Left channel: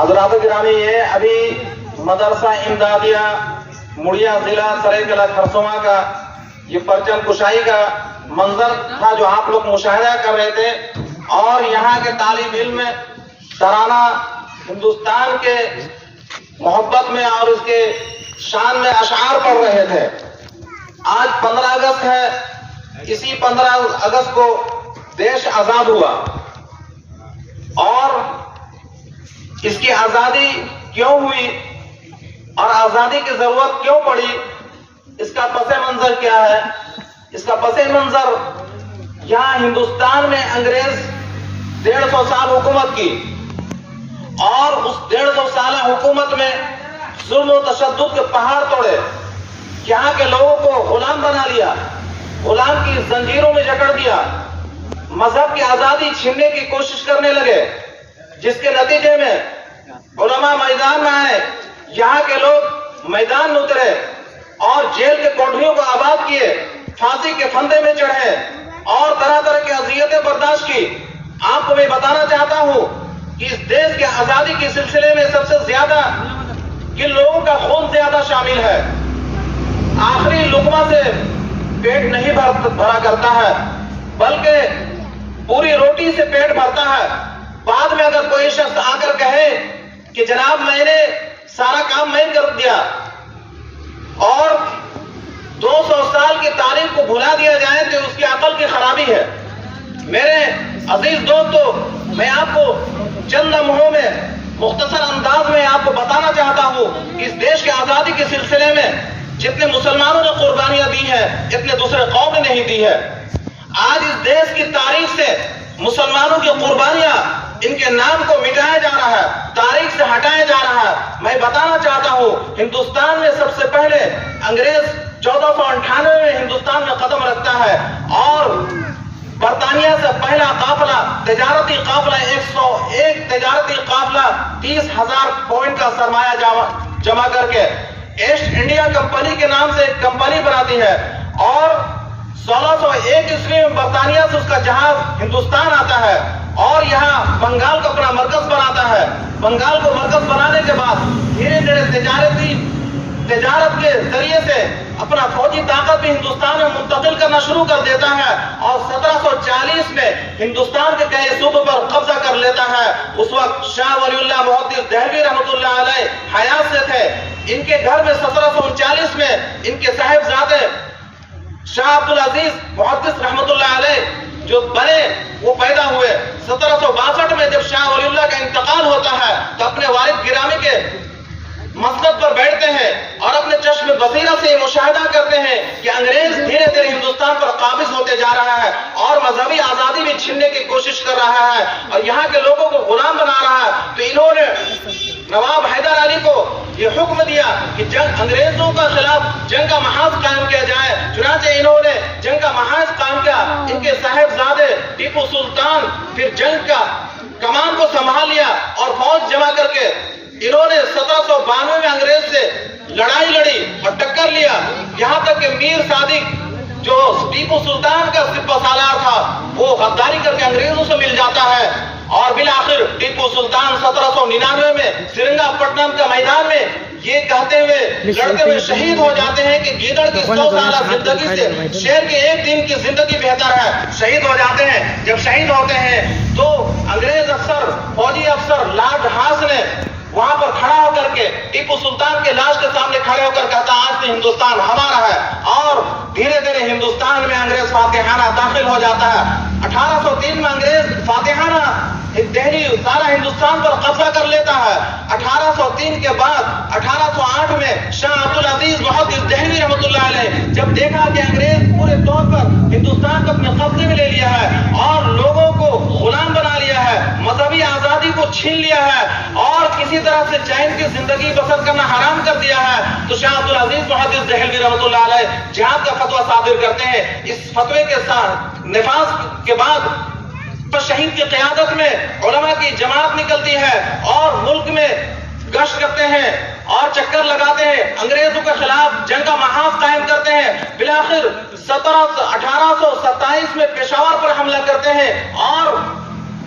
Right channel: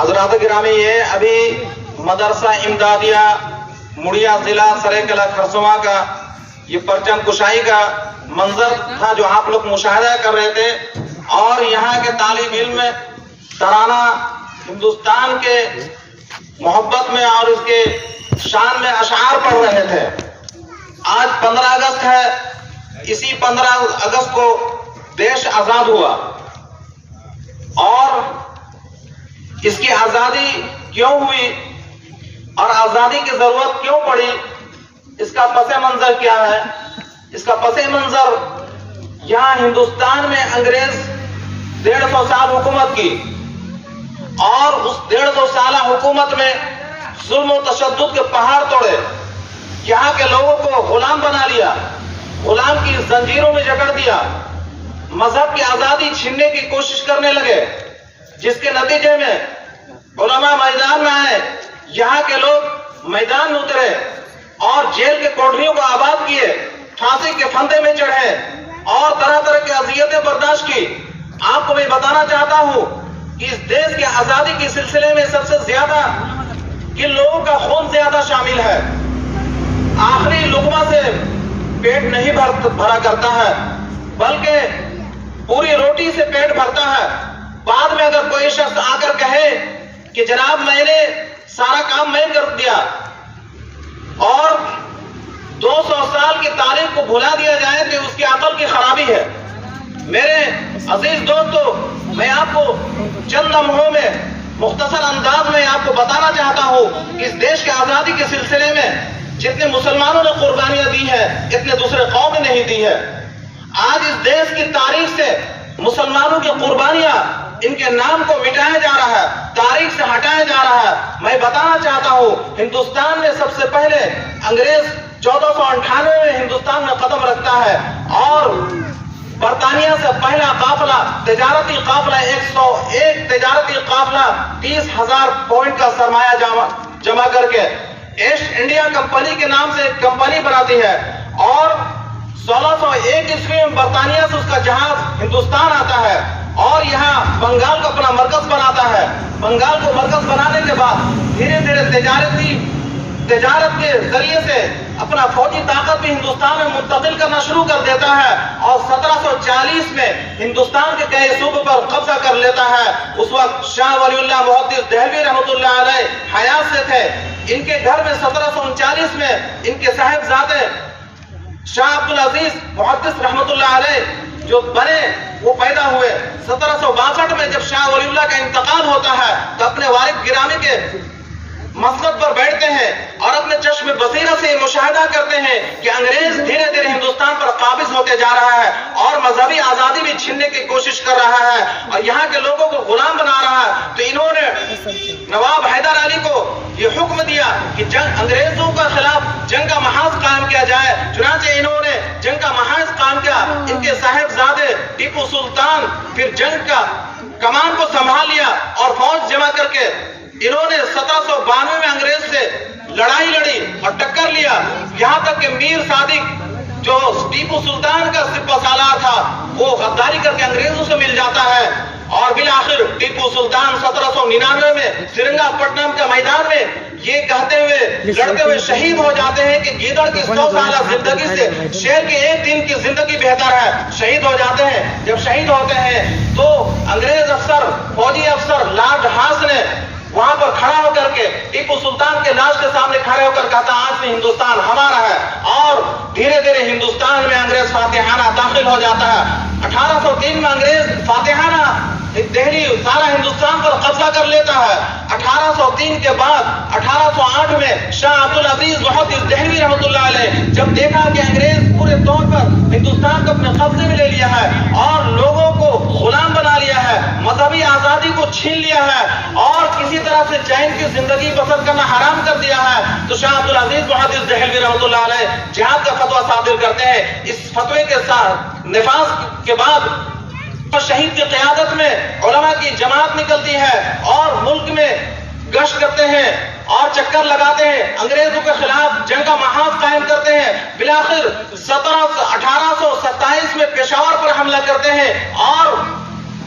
حضرات گرامی، یہ ابھی مدرسہ امدادیہ مڑیا ضلع سریکلا کھرسواں کا یہ پرچم کشائی کا منظر تھا جو آپ لوگ مشاہدہ کر رہے تھے، اور یہاں کے طالب علم ترانہ ہندوستان کے محبت میں اور اس کے شان میں اشعار پڑھ رہے تھے۔ آج 15 اگست ہے، اسی 15 اگست کو دیش آزاد ہوا، اور اس کی آزادی کیوں ہوئی اور آزادی کی ضرورت کیوں پڑی، اس کا پس منظر کیا ہے؟ اس کا پس منظر یہاں ہندوستان میں انگریز 150 سال حکومت کی، اور اس 150 سالہ حکومت میں ظلم و تشدد کے پہاڑ توڑے، یہاں کے لوگوں کو غلام بنا لیا، غلام کی زنجیروں میں جکڑ دیا، مذہب کی آزادی چھیننے کی کوشش کرنے لگے، جس کے نتیجے میں علماء میدان میں آئے، یہاں کے لوگ میدان میں اترے اور جیل کے کوٹریوں کو آباد کیے، پھانسی کے پھندے میں چڑھے اور طرح طرح کی اذیتیں برداشت کی۔ آپ کو میں بتانا چاہتا ہوں کہ اس دیش کی آزادی کے سلسلے میں سب سے زیادہ کن لوگوں کا خون زیادہ شامل ہے؟ آخری لقمہ سے پیٹ نہیں بھرا کرتا ہے، بلکہ پوری روٹی سے پیٹ بھرتا ہے۔ بعد میں اگر کوئی شخص آ کر کہے کہ جناب میں نے سارا کام میں کر دیا اور 200 سال کی تاریخ کو بھلا دیا جائے تو اس کی عقل کی خرابی ہے۔ میرے عزیز دوستو، میں آپ کو چند لمحوں میں مختصر انداز میں آپ کو بتانا چاہتا ہوں کہ اس دیش کی آزادی کے سلسلے میں جتنے مسلمانوں نے قربانیاں دی ہیں اتنے دوسرے قوم نے نہیں دی ہے۔ آج اس دیش کی تاریخ سے مسلمانوں کی قربانیاں، ان کے نام کو مٹایا جا رہا ہے، تاریخ سے ہٹایا جا رہا ہے۔ میں بتانا چاہتا ہوں ہندوستان میں سب سے پہلے انگریز 1498 میں ہندوستان میں قدم رکھتا ہے، اور برطانیہ سے پہلا قافلہ تجارتی قافلہ 101 تجارتی قافلہ 30,000 پوائنٹ کا سرمایہ جمع کر کے ایسٹ انڈیا کمپنی کے نام سے ایک کمپنی بناتی ہے، اور 1601 عیسوی میں برطانیہ سے اس کا جہاز ہندوستان آتا ہے اور یہاں بنگال کو اپنا مرکز بناتا ہے۔ بنگال کو مرکز بنانے کے بعد دھیرے دھیرے تجارت کے ذریعے سے اپنا فوجی طاقت بھی ہندوستان میں منتقل کرنا شروع کر دیتا ہے، اور 1740 میں ہندوستان کے کئی صوبوں پر قبضہ کر لیتا ہے۔ اس وقت شاہ ولی اللہ محدث دہلوی رحمۃ اللہ علیہ حیات سے تھے۔ ان کے گھر میں 1739 میں ان کے صاحبزادے شاہ عبدالعزیز محدث رحمۃ اللہ علیہ جو بنے وہ پیدا ہوئے۔ 1762 میں جب شاہ ولی اللہ کا انتقال ہوتا ہے تو اپنے والد گرامی کے مسند پر بیٹھتے ہیں اور اپنے چشم بصیرہ سے مشاہدہ کرتے ہیں کہ انگریز دھیرے دھیرے ہندوستان پر قابض ہوتے جا رہا ہے اور مذہبی آزادی بھی چھیننے کی کوشش کر رہا ہے اور یہاں کے لوگوں کو غلام بنا رہا ہے۔ تو انہوں نے نواب حیدر علی کو یہ حکم دیا کہ انگریزوں کے خلاف جنگ کا محاذ قائم کیا جائے۔ چنانچہ انہوں نے جنگ کا محاذ قائم کیا۔ ان کے صاحبزادے ٹیپو سلطان پھر جنگ کا کمان کو سنبھال لیا اور فوج جمع کر کے انہوں نے 1792 میں انگریز سے لڑائی لڑی اور ٹکر لیا، یہاں تک کہ میر صادق جو ٹیپو سلطان کا سپہ سالار تھا وہ غداری کر کے انگریزوں سے مل جاتا ہے، اور بالآخر ٹیپو سلطان 1799 میں سرنگا پٹنم کے میدان میں یہ کہتے ہوئے لڑتے ہوئے شہید ہو جاتے ہیں کہ گیدڑ کی 100 سالہ زندگی سے شیر کے ایک دن کی زندگی بہتر ہے۔ شہید ہو جاتے ہیں۔ جب شہید ہوتے ہیں تو انگریز افسر، فوجی افسر لارڈ ہارس نے وہاں پر کھڑا ہو کر کے ٹیپو سلطان کے لاش کے سامنے کھڑے ہو کر کہتا آج سے ہندوستان ہمارا ہے، اور دھیرے دھیرے ہندوستان میں انگریز فاتحانہ داخل ہو جاتا ہے۔ 1803 میں انگریز فاتحانہ دہلی سارا ہندوستان پر قبضہ کر لیتا ہے۔ 1803 کے بعد 1808 میں شاہ عبدالعزیز محدث دہلوی رحمۃ اللہ علیہ جب دیکھا کہ انگریز پورے طور پر ہندوستان کو اپنے قبضے میں لے لیا ہے اور لوگوں کو غلام بنا لیا ہے، مذہبی آزادی کو چھین لیا ہے اور کسی طرح سے چین کی زندگی بسر کرنا حرام کر دیا ہے، تو شاہ عبدالعزیز محدث دہلوی رحمۃ اللہ علیہ جہاد کا فتویٰ صادر کرتے ہیں۔ اس فتوے کے ساتھ نفاذ کے بعد شہید کی قیادت میں علماء کی جماعت نکلتی ہے اور ملک میں گشت کرتے ہیں اور چکر لگاتے ہیں، انگریزوں کے خلاف جنگ کا محاذ قائم کرتے ہیں۔ بالآخر 1827 میں پشاور پر حملہ کرتے ہیں اور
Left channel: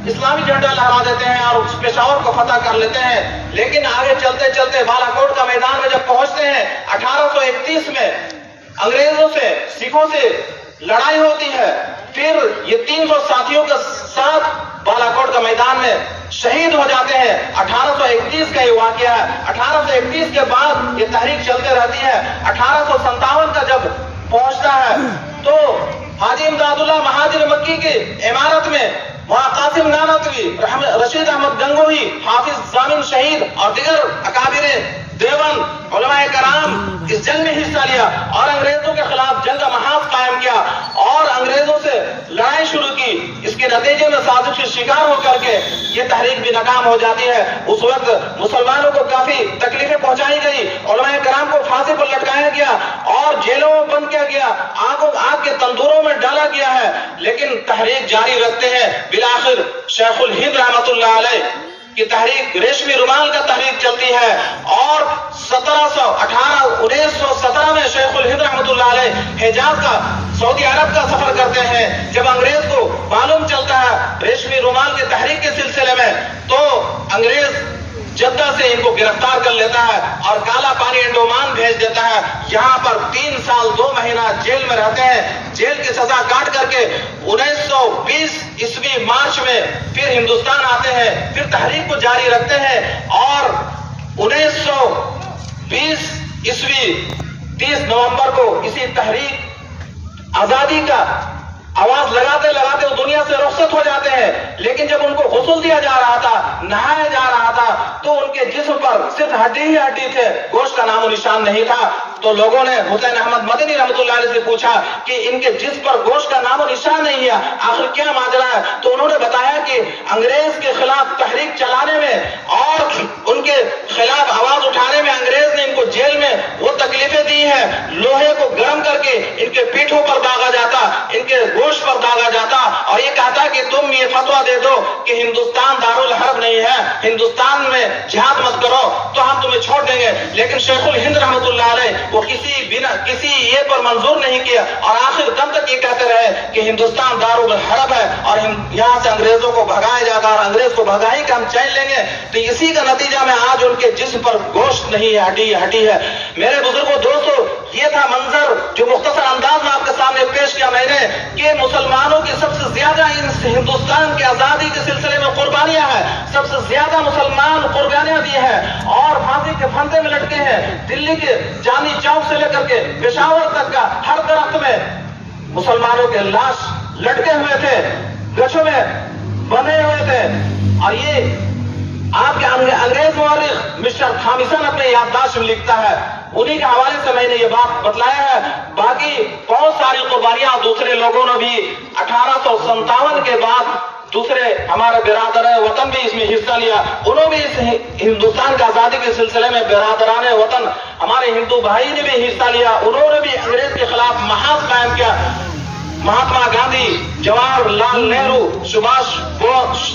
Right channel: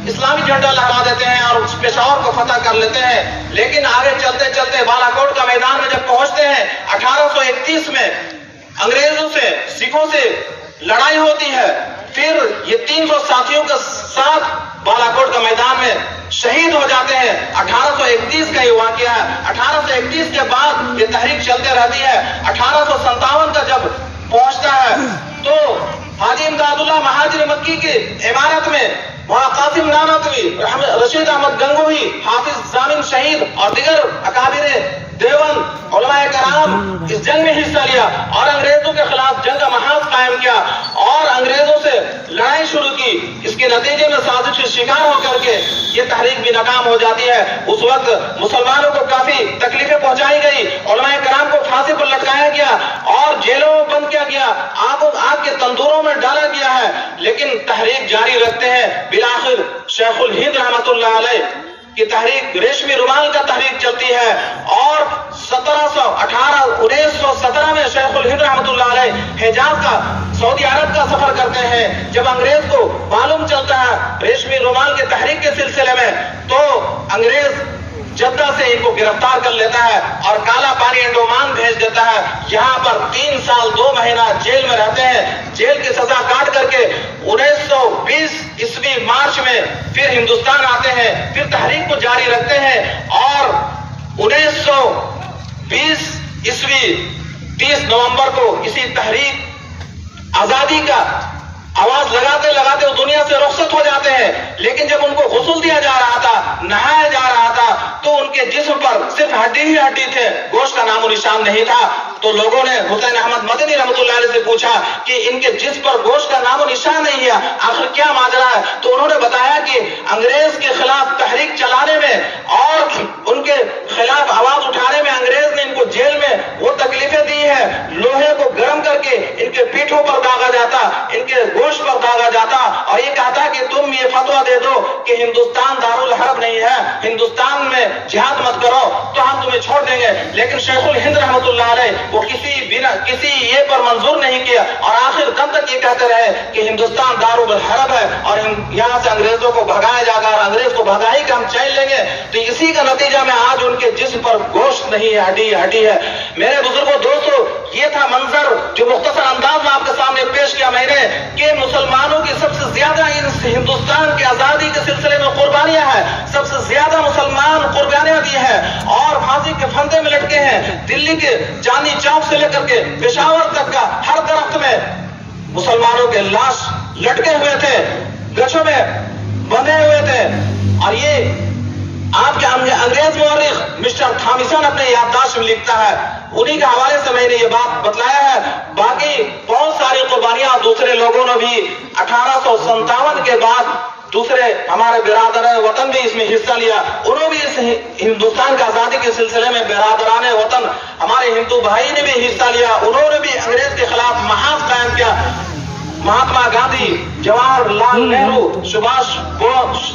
اسلامی جھنڈا لہرا دیتے ہیں اور پشاور کو فتح کر لیتے ہیں. لیکن آگے چلتے چلتے بالا کوٹ کا میدان میں جب پہنچتے ہیں 1831 میں انگریزوں سے سکھوں سے لڑائی ہوتی ہے. پھر یہ 300 ساتھیوں کے ساتھ بالا کوٹ کا میدان میں شہید ہو جاتے ہیں. 1831 کا یہ واقعہ ہے. 1831 کے بعد یہ تحریک چلتے رہتی ہے. 1857 کا جب پہنچتا ہے تو حاجی امداد اللہ مہاجر مکی کی عمارت میں قاسم نانوتوی، رشید احمد گنگوہی، حافظ ضامن شہید اور دیگر اکابر دیوبند علماء کرام اس جنگ میں حصہ لیا اور انگریزوں کے خلاف جنگ کا محاذ قائم کیا اور انگریزوں سے لڑائی شروع کی. اس کے نتیجے میں سازش کا شکار ہو کر کے یہ تحریک بھی ناکام ہو جاتی ہے. اس وقت مسلمانوں کو کافی تکلیفیں پہنچائی گئی، علماء کرام کو پھانسی پر لٹکایا گیا اور جیلوں میں بند کیا گیا، آگ کے تندوروں میں ڈالا گیا ہے. لیکن تحریک جاری رکھتے ہیں. بالآخر شیخ الہند رحمۃ اللہ علیہ کی تحریک ریشمی رومال کا تحریک چلتی ہے اور 1917 میں شیخ الہند رحمۃ اللہ علیہ حجاز کا سعودی عرب کا سفر کرتے ہیں. جب انگریز کو معلوم چلتا ہے ریشمی رومال کی تحریک کے سلسلے میں تو انگریز جدہ سے ان کو گرفتار کر لیتا ہے اور کالا پانی انڈومان بھیج دیتا ہے. یہاں پر 3 سال 2 مہینہ جیل میں رہتے ہیں. جیل کی سزا کاٹ کر کے 1920 عیسوی مارچ میں پھر ہندوستان آتے ہیں. پھر تحریک کو جاری رکھتے ہیں اور 1920 عیسوی 30 نومبر کو اسی تحریک آزادی کا آواز لگاتے لگاتے وہ دنیا سے رخصت ہو جاتے ہیں. لیکن جب ان کو غسل دیا جا رہا تھا، نہایا جا رہا تھا تو ان کے جسم پر صرف ہڈی ہی ہڈی تھے، گوشت کا نام و نشان نہیں تھا. تو لوگوں نے حسین احمد مدنی رحمۃ اللہ علیہ سے پوچھا کہ ان کے جسم پر گوشت کا نام و نشان نہیں ہے، آخر کیا ماجرا ہے؟ تو انہوں نے بتایا کہ انگریز کے خلاف تحریک چلانے میں اور ان کے خلاف آواز اٹھانے میں انگریز نے ان کو جیل میں وہ تکلیفیں دی ہیں. لوہے کو گرم کر کے ان کے پیٹھوں پر داغا جاتا، ان کے گوشت پر داغا جاتا اور یہ کہتا کہ تم یہ فتویٰ دے دو کہ ہندوستان دارالحرب نہیں ہے، ہندوستان میں جہاد مت کرو تو ہم تمہیں چھوڑ دیں گے. لیکن شیخ الہند رحمۃ اللہ علیہ وہ کسی یہ پر منظور نہیں کیا اور آخر دم تک یہ کہتے رہے کہ ہندوستان دارالحرب ہے اور یہاں سے انگریزوں کو بھگایا جائے گا اور انگریز کو بھگا ہی کہ ہم چین لیں گے. تو اسی کا نتیجہ میں آج ان کے جسم پر گوشت نہیں ہے، ہڈی ہے. میرے بزرگوں دوستو، یہ تھا منظر جو مختصر انداز میں آپ کے سامنے پیش کیا میں نے کہ مسلمانوں کی سب سے زیادہ ہندوستان کی آزادی کے سلسلے میں قربانیاں ہیں، سب سے زیادہ مسلمان قربانیاں دی ہیں اور پھانسی کے پھندے میں لٹکے ہیں. دلی کے چاندنی چوک سے لے کر کے پشاور تک کا ہر درخت میں مسلمانوں کے لاش لٹکے ہوئے تھے، گچھوں میں بندھے ہوئے تھے. اور یہ آپ کے انگریز مورخ مسٹر تھامسن اپنے یادداشت میں لکھتا ہے، انہی کے حوالے سے میں نے یہ بات بتلایا ہے. باقی بہت ساری قربانیاں دوسرے لوگوں نے بھی 1857 کے بعد دوسرے ہمارے برادر وطن بھی اس میں حصہ لیا. انہوں بھی اس ہندوستان کی آزادی کے سلسلے میں برادران وطن ہمارے ہندو بھائی نے بھی حصہ لیا. انہوں نے بھی انگریز کے خلاف محاذ قائم کیا. مہاتما گاندھی، جواہر لال نہرو، سبھاش بوس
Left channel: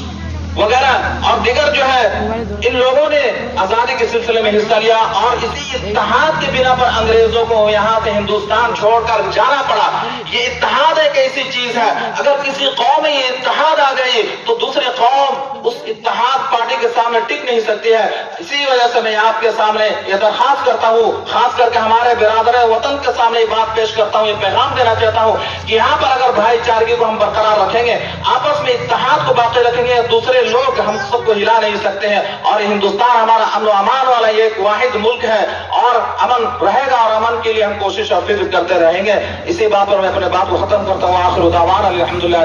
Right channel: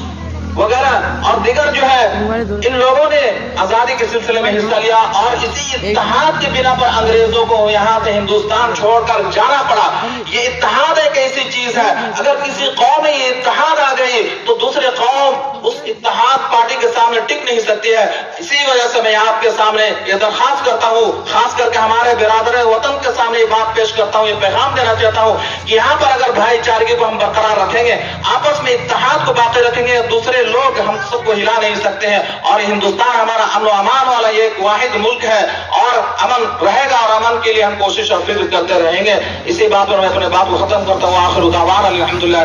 وغیرہ اور دیگر جو ہے ان لوگوں نے آزادی کے سلسلے میں حصہ لیا اور اسی اتحاد کی بنا پر انگریزوں کو یہاں سے ہندوستان چھوڑ کر جانا پڑا. یہ اتحاد ایک ایسی چیز ہے، اگر کسی قوم میں یہ اتحاد آ گئی تو دوسرے قوم اس اتحاد پارٹی کے سامنے ٹک نہیں سکتی ہے. اسی وجہ سے میں آپ کے سامنے یہ درخواست کرتا ہوں، خاص کر کے ہمارے برادر وطن کے سامنے یہ بات پیش کرتا ہوں، یہ پیغام دینا چاہتا ہوں کہ یہاں پر اگر بھائی چارگی کو ہم برقرار رکھیں گے، آپس میں اتحاد کو باقی رکھیں گے، دوسرے لوگ ہم سب کو ہلا نہیں سکتے ہیں. اور ہندوستان ہمارا امن و امان والا ایک واحد ملک ہے اور امن رہے گا اور امن کے لیے ہم کوشش اور فکر کرتے رہیں گے. اسی بات پر میں اپنے بات کو ختم کرتا ہوں. آخر دعوانا الحمدللہ.